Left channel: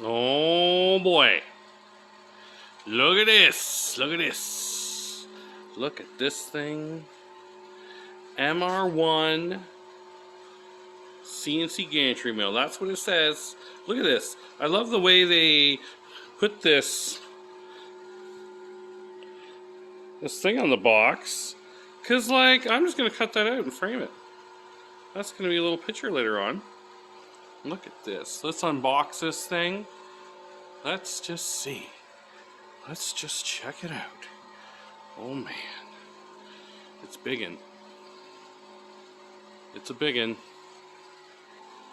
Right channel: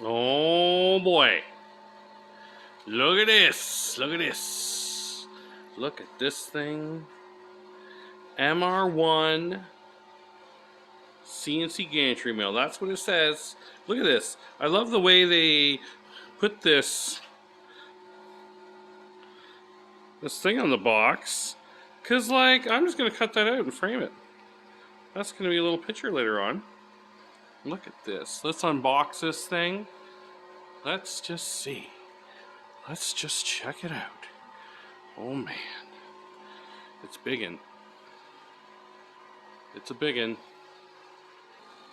Oh boy. Look at this. Look at this. Look at this thing. MR-1 CNC gantry mill. That's what it says. Look at this. I love the way they put this thing on the box. Cause like, I'm just gonna cut that out and frame it. That's gonna be a little picture later on. Look at this. Let's unbox this thing. Let's just see. Let's just check it out. Oh man. It's biggin'. It's a biggin'.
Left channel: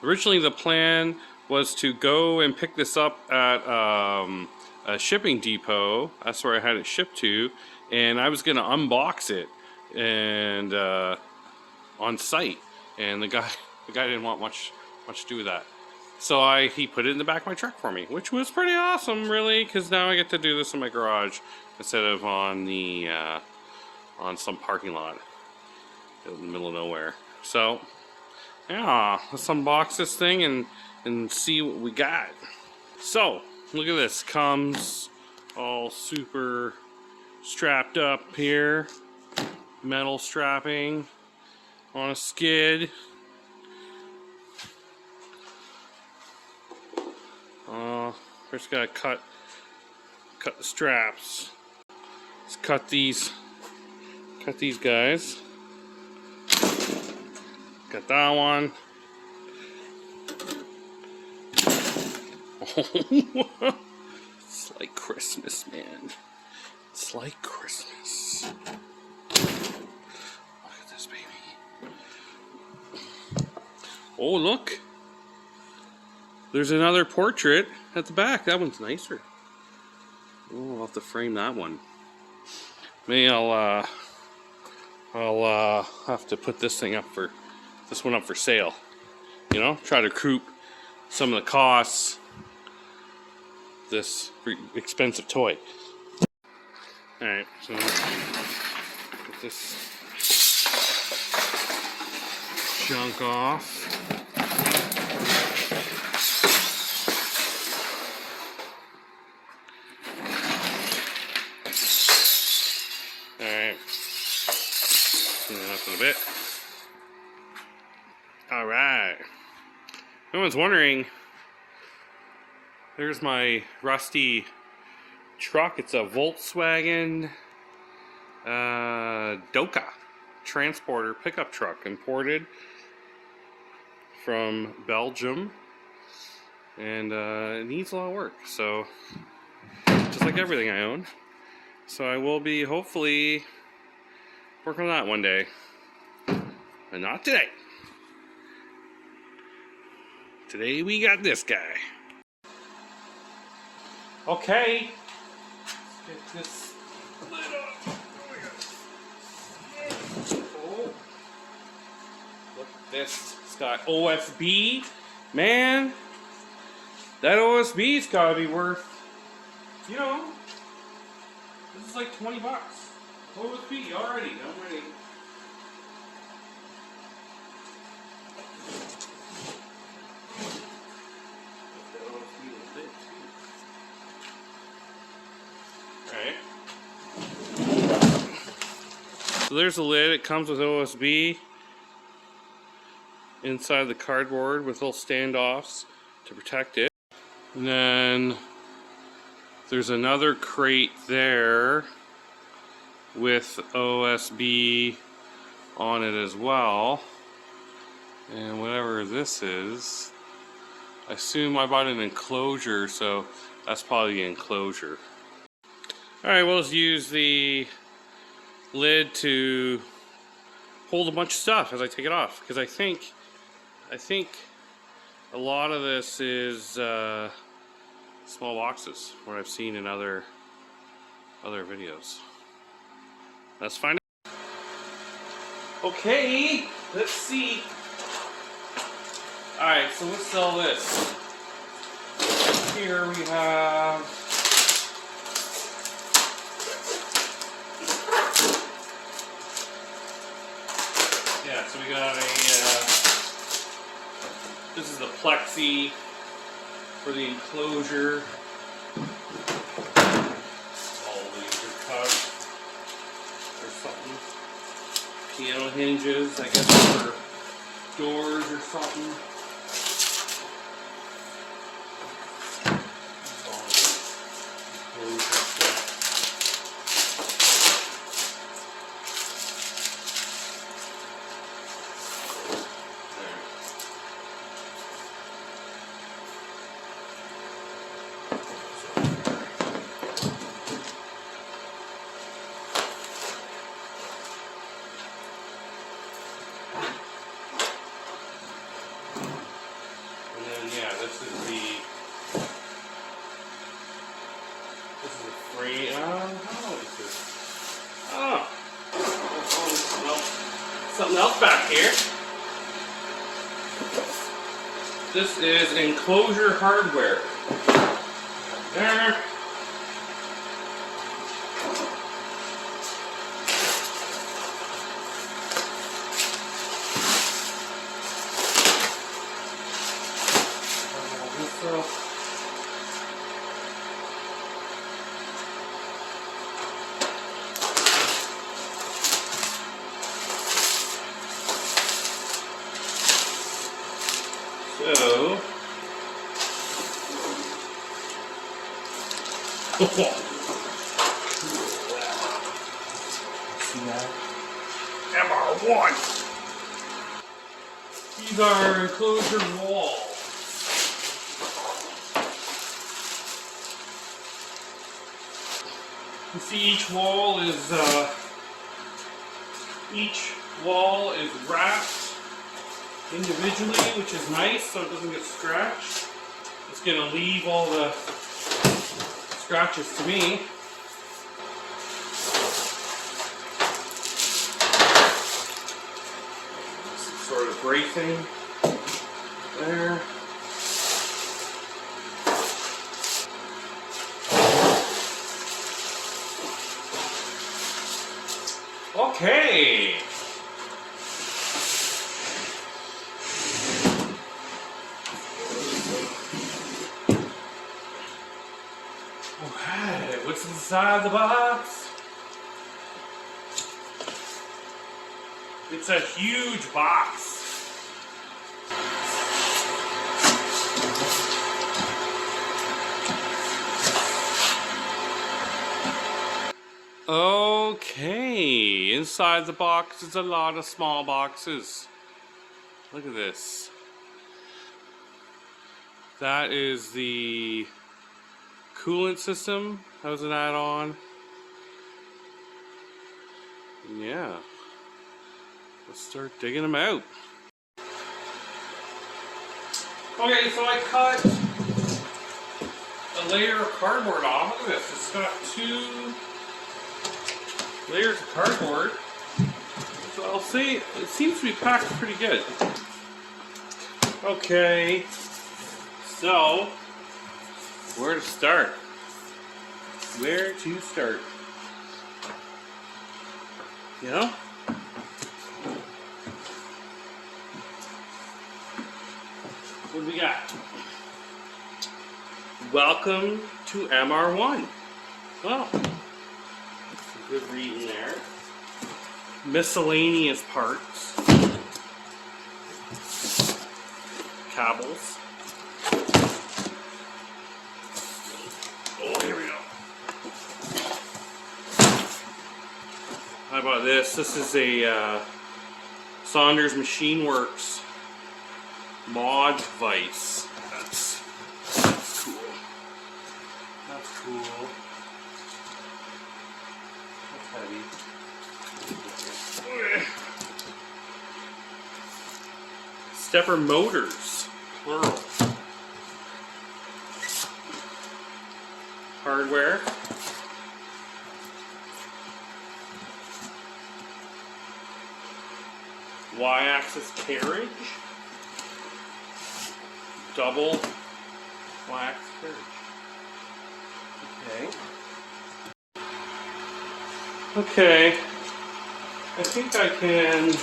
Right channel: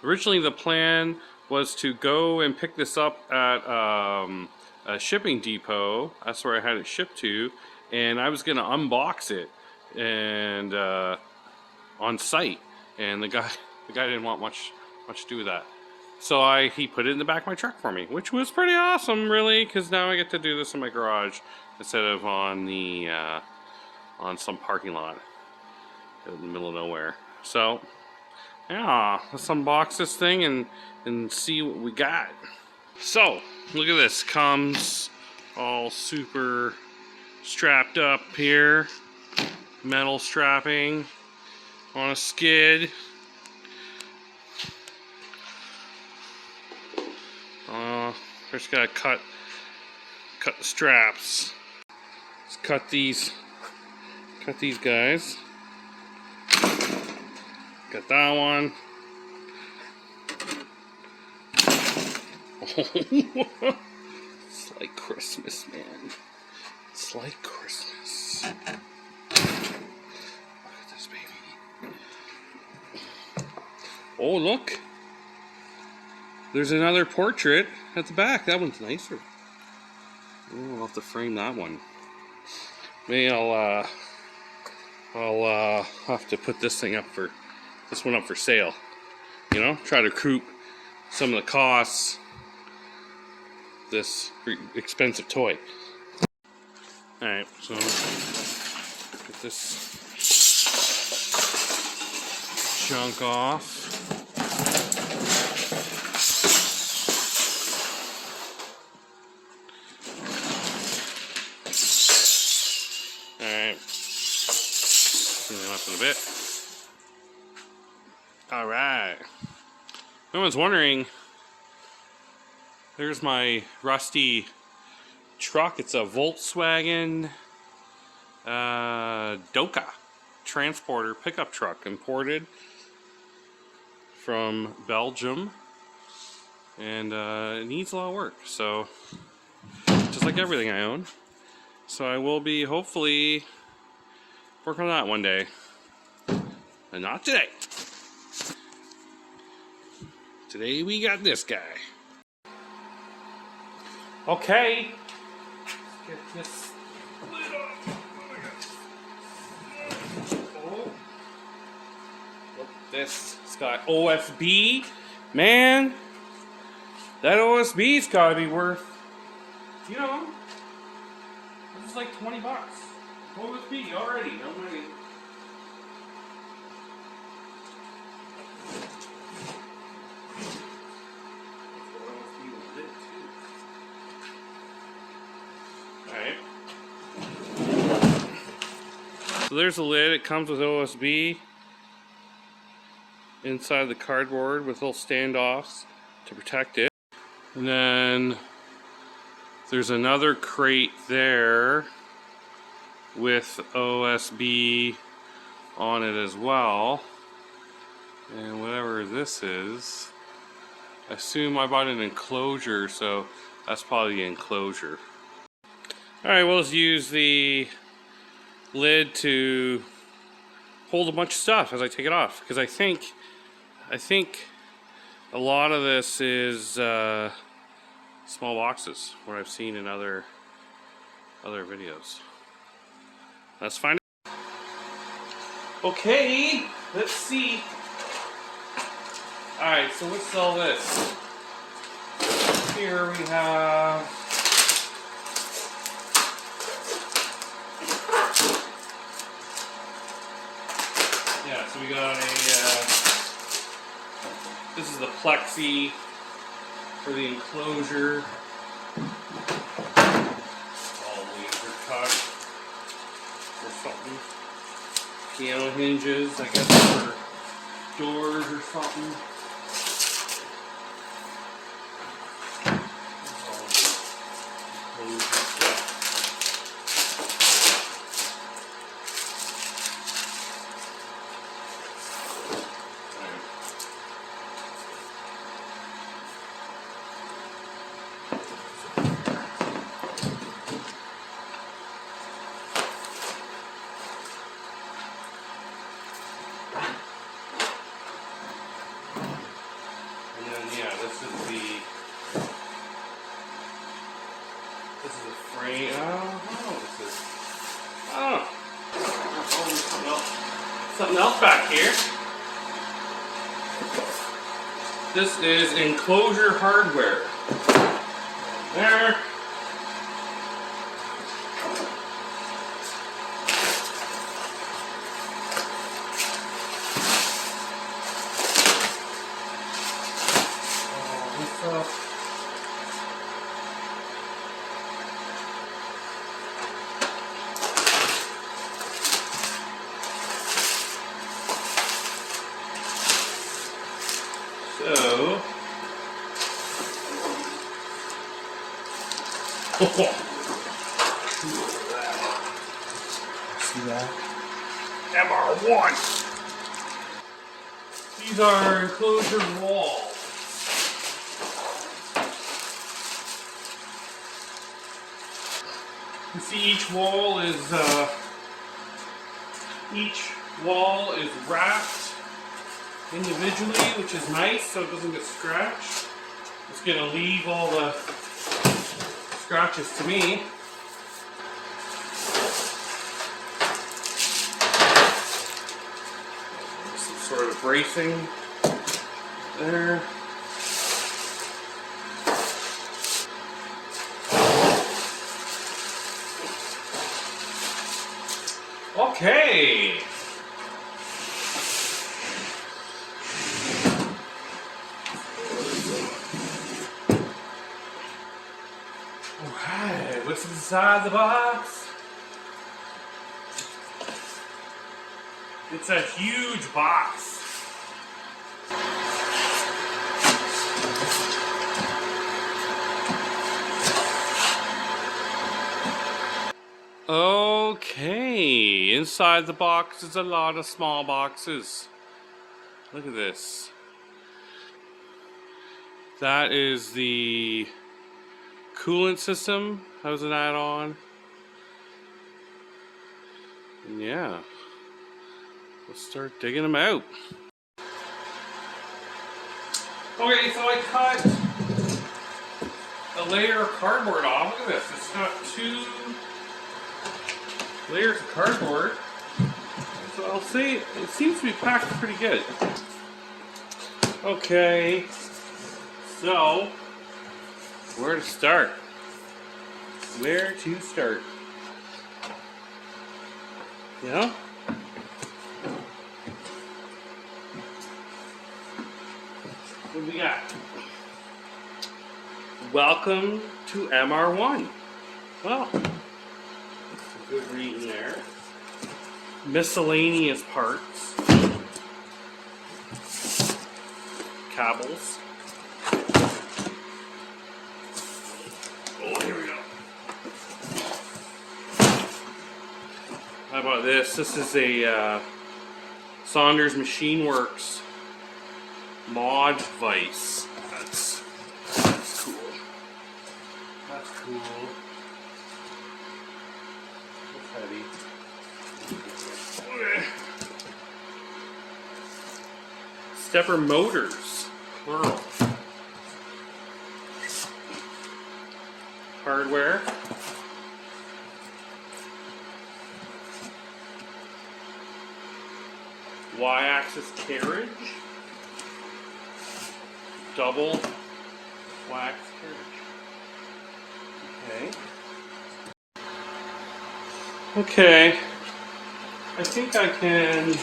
Originally the plan was to go and pick this up at a shipping depot. That's where I had it shipped to. And I was gonna unbox it and on site. And the guy didn't want much to do with that. So he put it in the back of my truck for me, which was pretty awesome, really, because now I get to do this in my garage instead of on the on some parking lot in the middle of nowhere. So yeah, let's unbox this thing and see what we got. So look at this. Comes all super strapped up here, metal strapping on a skid. First gotta cut the straps. Let's cut these guys. Got that one. Oh, it's like Christmas, man. It's like Christmas. Look at this baby. Oh, look. There's another portrait at the back. That one's nicer. Oh, I'll have to frame that one. Maybe I'll have to put this one up for sale. You know, try to recoup some of the costs of this expensive toy. All right, so get this junk off. Up in a bit. Alright. No one's wondering, there's my rusty truck. It's a Volkswagen Doka transporter pickup truck, imported from Belgium, and it needs a lot of work, so just like everything I own. So I will be hopefully working on that one day, and not today. Today we got this guy. Okay, let's get this lid off. Oh, look at this. It's got OSB. Man, that OSB's gotta be worth, you know, this is like 20 bucks. OSB already, no money. Alright. So there's the lid. It comes with OSB inside the cardboard with little standoffs to protect it. And then there's another crate there with OSB on it as well, and whatever this is, I assume I bought an enclosure, so that's probably the enclosure. Alright, well, let's use the lid to hold a bunch of stuff as I take it off, because I think a lot of this is small boxes, what I've seen in other videos. Let's find out. Okay, let's see. Alright, so let's sell this. Here we have so we got a this is the plexi for the enclosure. All laser cut or something. Piano hinges, I guess, for doors or something. Something else back here. This is enclosure hardware. There. All this stuff. So, see that? MR-1. These are enclosure walls. You see, each wall is wrapped individually, which is nice, so it doesn't get scratched. It's going to leave all the scratches to me. Some sort of bracing there. Okay. Alright, what's inside the box? It's a huge box. Okay, inside the box is a lot of small boxes. Look at this. That is the coolant system. How's it add on? Yeah. Let's start digging them out. Okay, so I cut a layer of cardboard off. Look at this. It's got 2 layers of cardboard. So I'll say it seems to be packed pretty good. Okay. So, where to start? Where to start? You know? What do we got? Welcome to MR-1. Well, good reading there. Miscellaneous parts. Cables. Oh, here we go. How about this? This is a Saunders Machine Works mod vise. That's cool. That's cool. That's heavy. Okay. Stepper motors, plural. Hardware. Y-axis carriage. Double Y-axis carriage. Okay. Okay. I think I can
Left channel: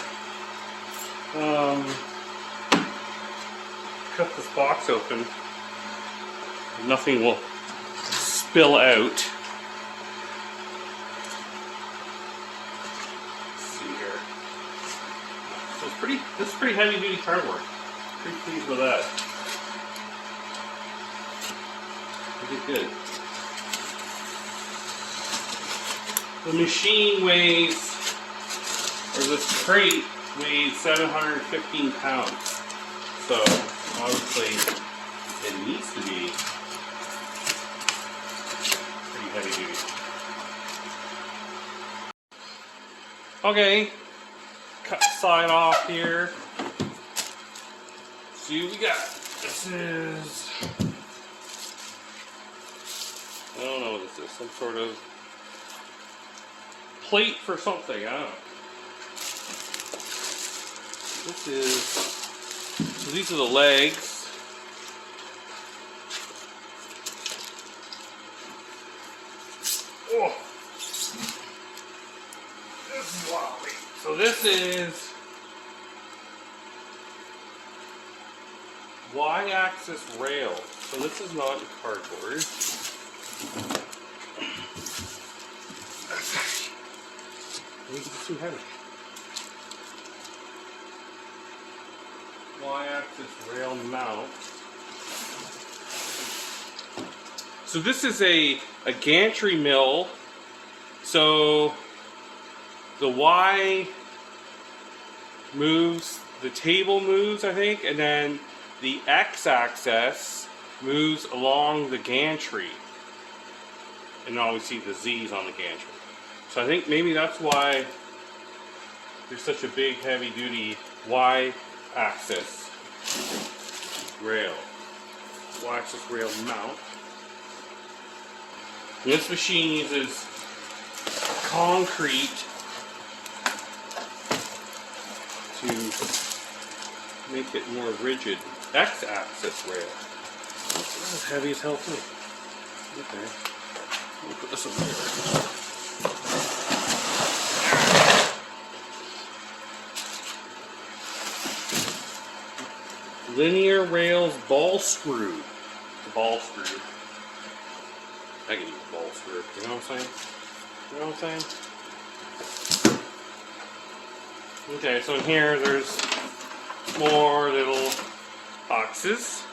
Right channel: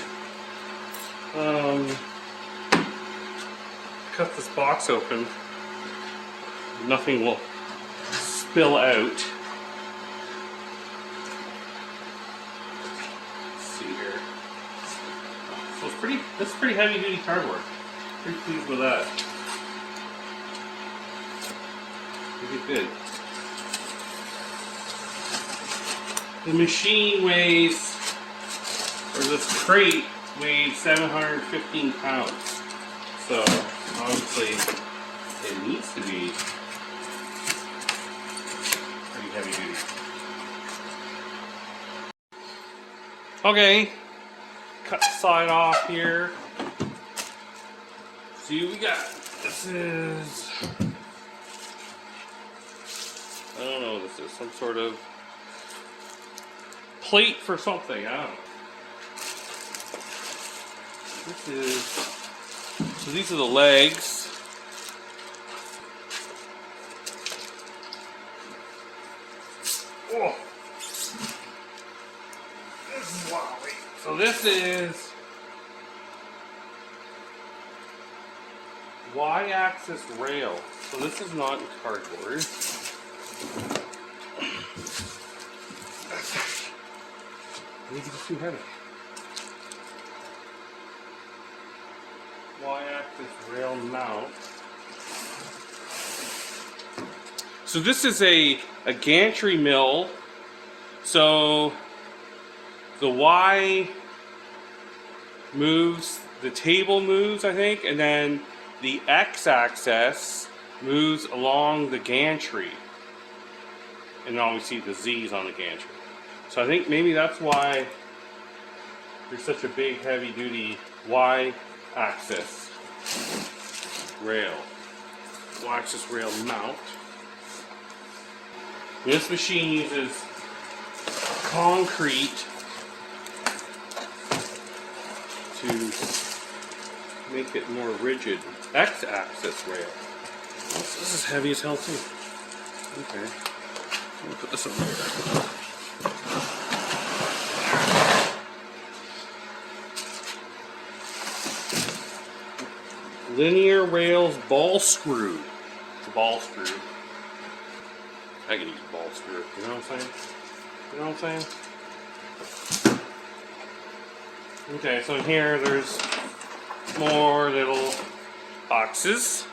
cut this box open. nothing will spill out. Let's see here. So it's pretty. This is pretty heavy duty cardboard. Pretty pleased with that. Pretty good. The machine weighs, or this crate weighed 715 pounds. So obviously it needs to be pretty heavy duty. Okay, cut the side off here. See what we got. This is, I don't know, this is some sort of plate for something, I don't know. This is, so these are the legs. Oh, this is wobbly. So this is Y-axis rail. So this is not cardboard. It's too heavy. Y-axis rail mount. So this is a gantry mill. So the Y moves, the table moves, I think, and then the X-axis moves along the gantry. And now we see the Z's on the gantry. So I think maybe that's why there's such a big heavy duty Y-axis rail. Y-axis rail mount. And this machine uses concrete to make it more rigid. X-axis rail. This is heavy as hell too. Okay. Let me put this on there. Linear rails ball screw. It's a ball screw. I can use a ball screw. You know what I'm saying? You know what I'm saying? Okay, so in here there's more little boxes.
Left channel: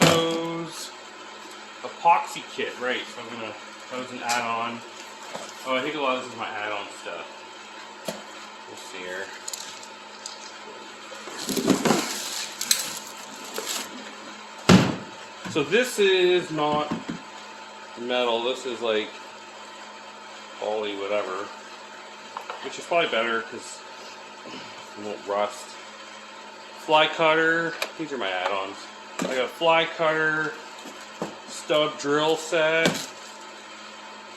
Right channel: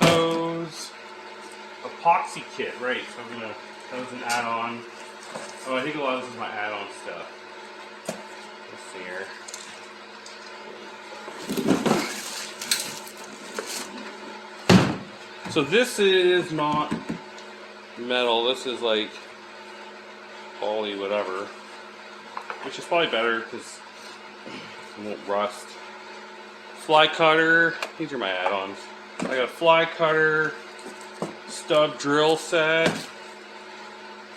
Those epoxy kit, right? So I'm gonna, those an add-on. Oh, I think a lot of this is my add-on stuff. Let's see here. So this is not metal, this is like poly whatever, which is probably better because it won't rust. Fly cutter, these are my add-ons. I got a fly cutter, stub drill set,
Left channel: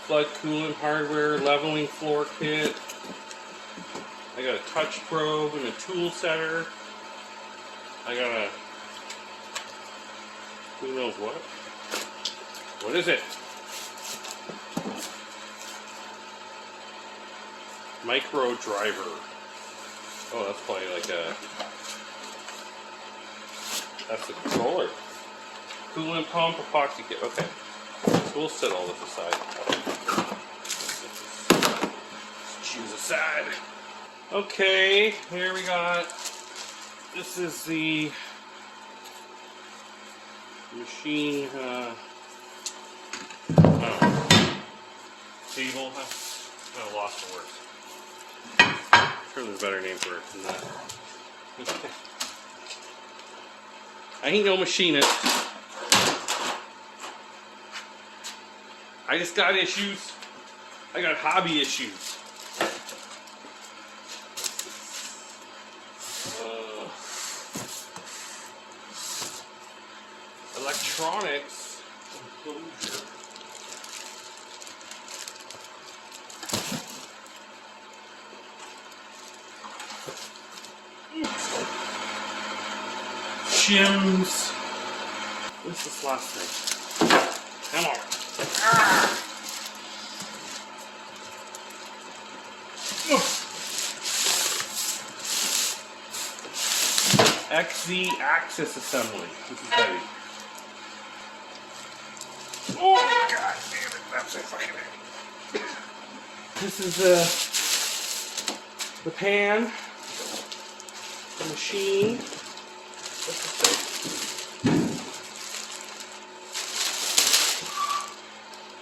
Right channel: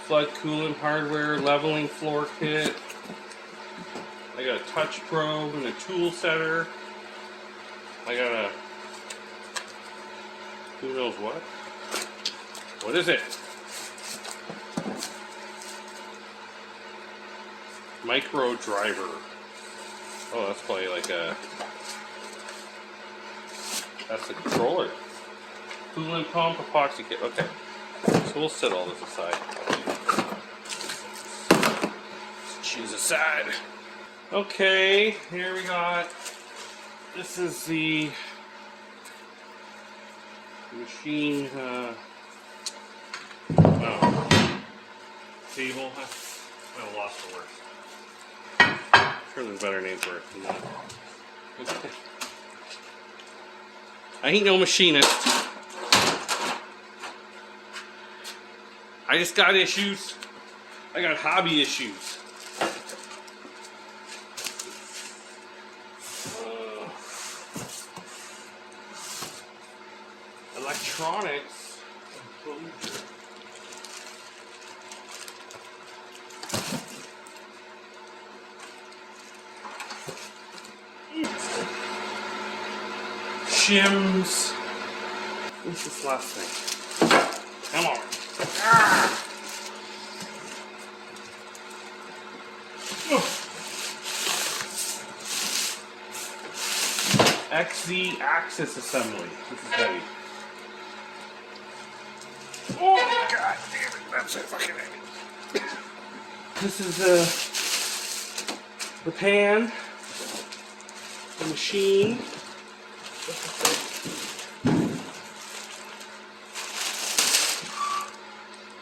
flood coolant hardware, leveling floor kit. I got a touch probe and a tool setter. I got a, who knows what? What is it? Micro driver. Oh, that's probably like a, that's a controller. Coolant pump, epoxy kit. Okay, so we'll set all this aside. Let's choose a side. Okay, here we got, this is the machine, table. I lost for words. I'm sure there's a better name for it than that. Okay. I ain't no machinist. I just got issues. I got hobby issues. Electronics. Shims. What's this last thing? Come on. Ah. XZ axis assembly. This is heavy. Oh god damn it, that's so fucking heavy. This is the pan, the machine.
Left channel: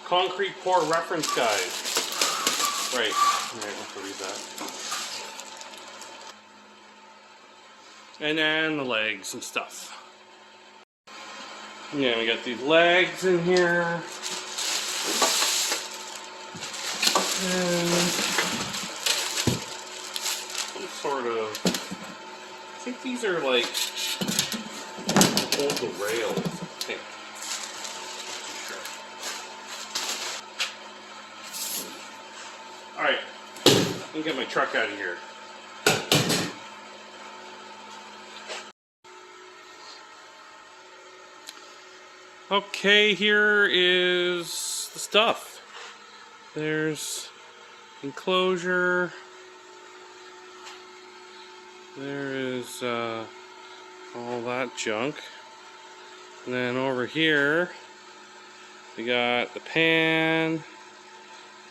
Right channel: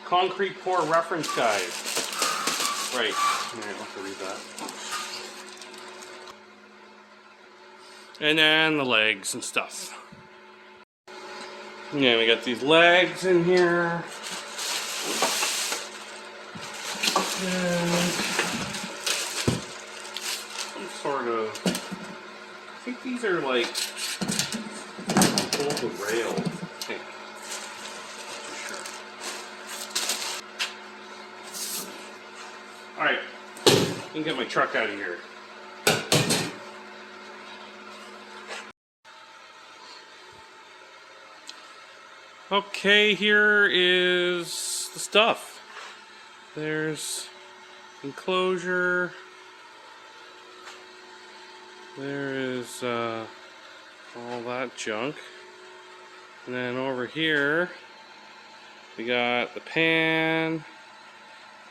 Concrete pour reference guide. Right, I have to read that. And then the legs and stuff. Yeah, we got these legs in here. And some sort of, I think these are like, hold the rails, I think. Alright, let me get my truck out of here. Okay, here is the stuff. There's enclosure. There is all that junk. And then over here, we got the pan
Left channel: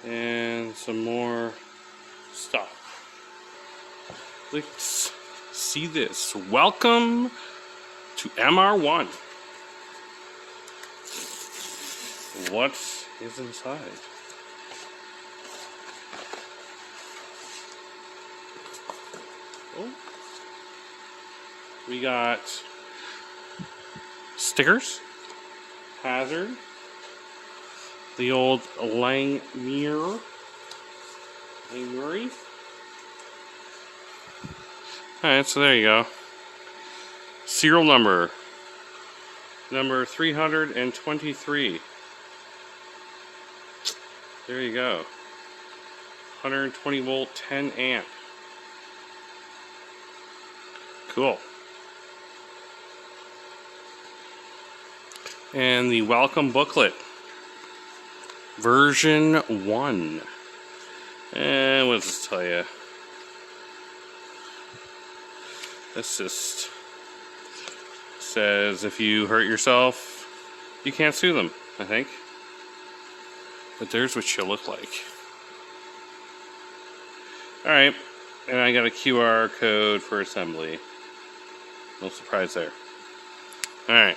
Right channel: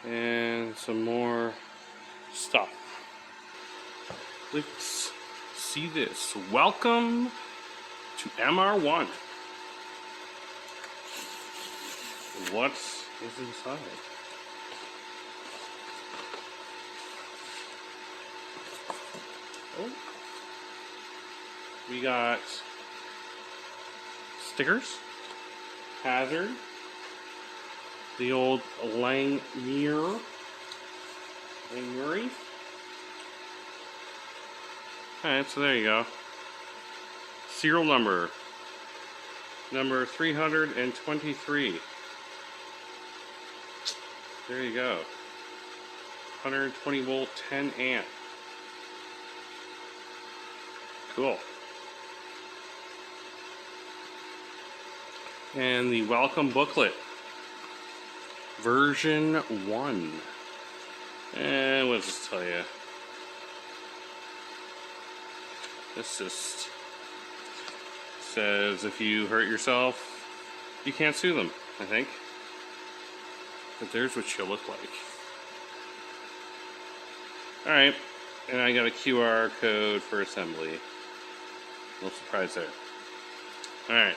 and some more stuff. Let's see this. Welcome to MR-1. What is inside? Oh. We got stickers, hazard, the old Langmuir. Alright, so there you go. Serial number 323. There you go. 120 volt, 10 amp. Cool. And the welcome booklet. Version 1. And what does this tell you? This just says if you hurt yourself, you can't sue them, I think. But there's what she'll look like. Alright, and I got a QR code for assembly. No surprise there. Alright.